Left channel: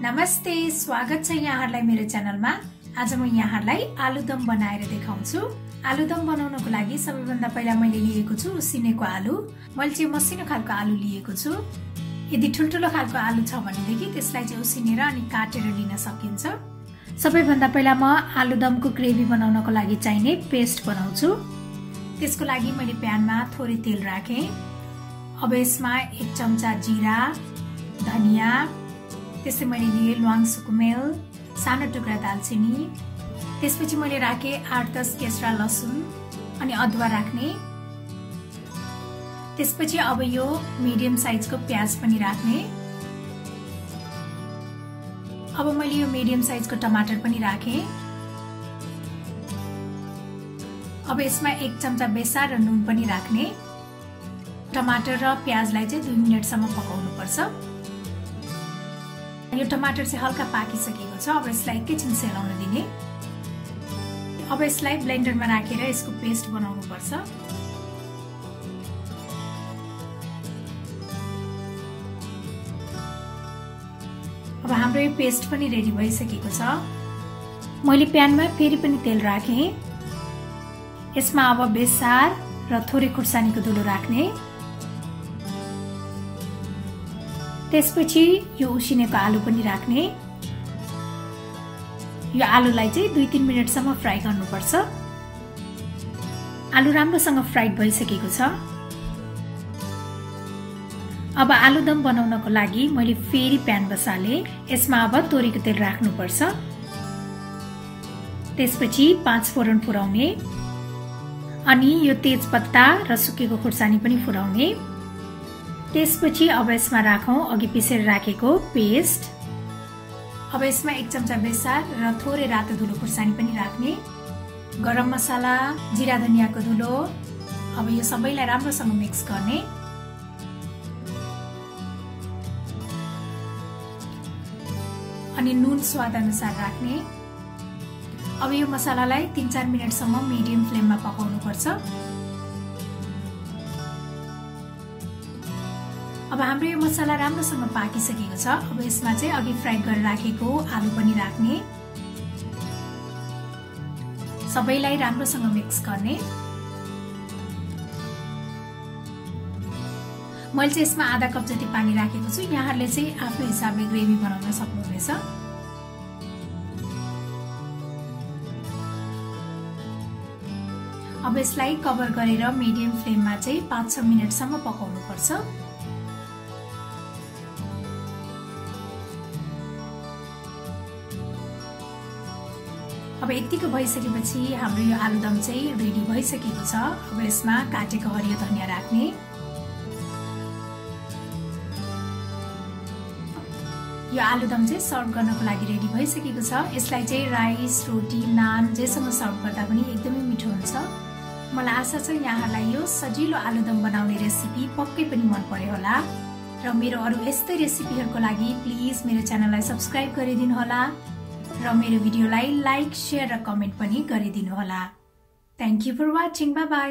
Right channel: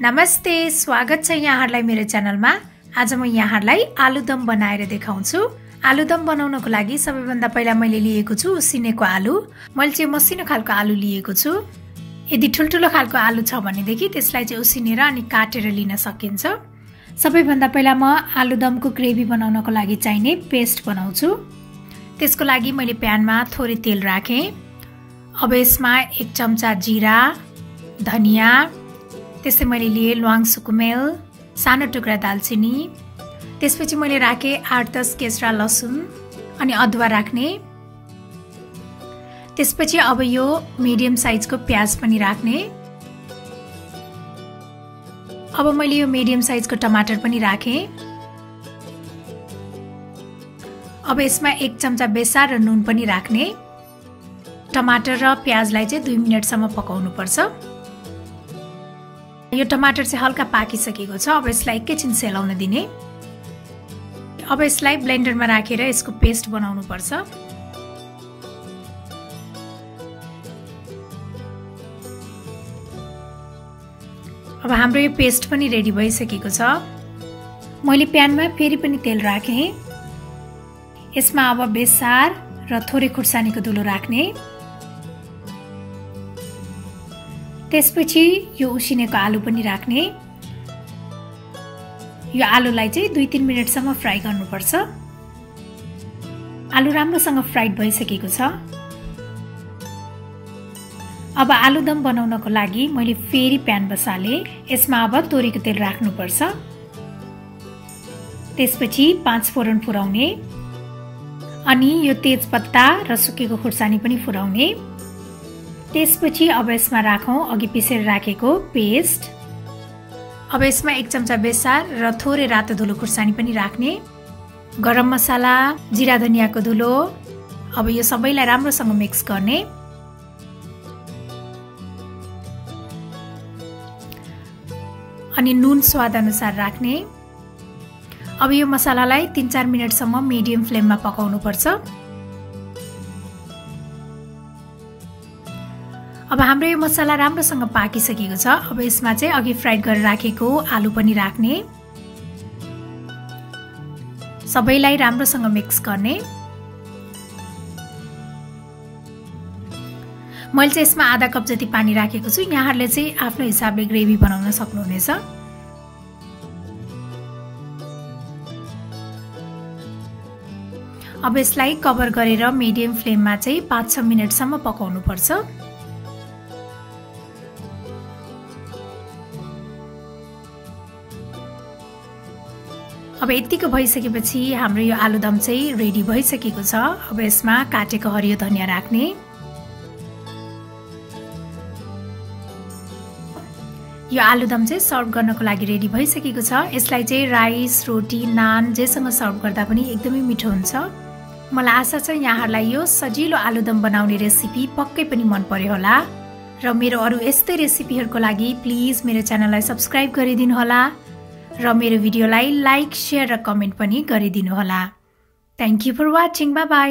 नमस्ते, स्वागत छ यहाँहरुलाई मेरो च्यानलमा। आज म यहाँहरुलाई आलुदम बनाएर देखाउँछु। आलुदम बनाउनको लागि सबैभन्दा पहिला मैले लिएको छु उसिनेको आलु। मैले चाहिँ मसिनो खालको आलु लिएको छु। यदि ठुलठुलो खालको आलु छ भनेदेखि त्यसलाई चाहिँ उसिनेर अनि काटेर लिन सकिन्छ। सबैभन्दा पहिला म आलुदमको ग्रेभी बनाउनको लागि चाहिने पेस्ट बनाउँछु। त्यसको लागि मैले प्यानमा थोरै तेल राखे। अब यसमा 1 चम्चा जीरा, धनिया, त्यसै मैले लिए ल्वाङ सुकुमेल, सानो टुक्रा दालचिनी, त्यसपछि मैले राखे 8-10 केस्रा लसुन अनि अदुवा राख्ने। त्यसपछि अब यो मिडियम साइजको प्याज पनि राख्ने। अब मैले यो मिडियम साइजको टमाटर पनि राखे। अब यसमा 1 चम्चा बेसार र नुन पनि राख्ने। टमाटर र प्याजलाई चाहिँ 2 मिनेटसम्म पकाउनु पर्छ। यो टमाटर चाहिँ हल्का पाकिसकेको छ। अब यसलाई एकैछिन सेलाउन दिने। अब यसलाई ब्लेन्डरमा राखेर यसको पेस्ट बनाउनु पर्छ। अब हाम्रो यो पेस्ट पनि रेडी भइसकेको छ। मैले प्यानमा फेरि पनि तेल राखे। यसमा अब बेसार र थोरै खुर्सानीको धुलो राख्ने। त्यसपछि यो उसिनेको आलु पनि राख्ने। यो आलुलाई चाहिँ 2-3 मिनेटसम्म फ्राई गर्नुपर्छ। आलु राम्रोसँग फ्राइड भइसकेको छ। अब आलुदम बनाउनको लागि मैले फेरि प्यान बसाले। यसमा अब तोरीको तेल राख्नुपर्छ। त्यसपछि 5 फोरन फुराउने अनि यो तेजपत्ता र सुकेको खुर्सानी पनि फुराउने। त्यसपछि अब यसमा राखौं अघि पिसेर राखेको पेस्ट। अब यसमा 1 चम्चा बेसार र थोरै रातो धुलो खुर्सानी पनि राख्ने। गरम मसाला, जिरा धनियाको धुलो। अब यो सबैलाई राम्रोसँग मिक्स गर्ने। अनि नुन स्वाद अनुसार राख्ने। अब यो मसालालाई 3-4 मिनेटसम्म मिडियम फ्लेममा पकाउनु पर्छ। अब हाम्रो यो मसाला राम्रोसँग पाकिसकेको छ। अब यसमा चाहिँ अघि फ्राई गरेर राखेको आलु पनि राख्ने। सबैलाई राम्रोसँग मिक्स गर्ने। मैले चाहिँ यसमा आधा कप जति पानी राखेको छु। यहाँहरुले चाहिँ आफ्नो हिसाबले ग्रेभी बनाउन सक्नुहुनेछ। अब यसलाई कभर गरेर मिडियम फ्लेममा चाहिँ 5-6 मिनेटसम्म पकाउनु पर्छ। अब यतिको भइसकेपछि हाम्रो यो आलुदम चाहिँ रेडी भइसकेको छ। अब यसमा काटेको हरियो धनिया राख्ने। यो आलुदम चाहिँ सर्भ गर्नको लागि रेडी भइसकेको छ। यसलाई चाहिँ राइस, रोटी, नान जेसँग सर्भ गर्दा पनि एकदमै मिठो हुन्छ। मलाई आशा छ यहाँहरुलाई यो सजिलो आलुदम बनाउने रेसिपी पक्कै पनि मन पर्यो होला। र मेरो अरु यस्तै रेसिपीहरुको लागि प्लिज मेरो च्यानललाई सब्स्क्राइब गरिदिनु होला र मेरो भिडियोलाई लाइक, शेयर र कमेन्ट पनि गरिदिनु होला। Thank you for watching. Bye by.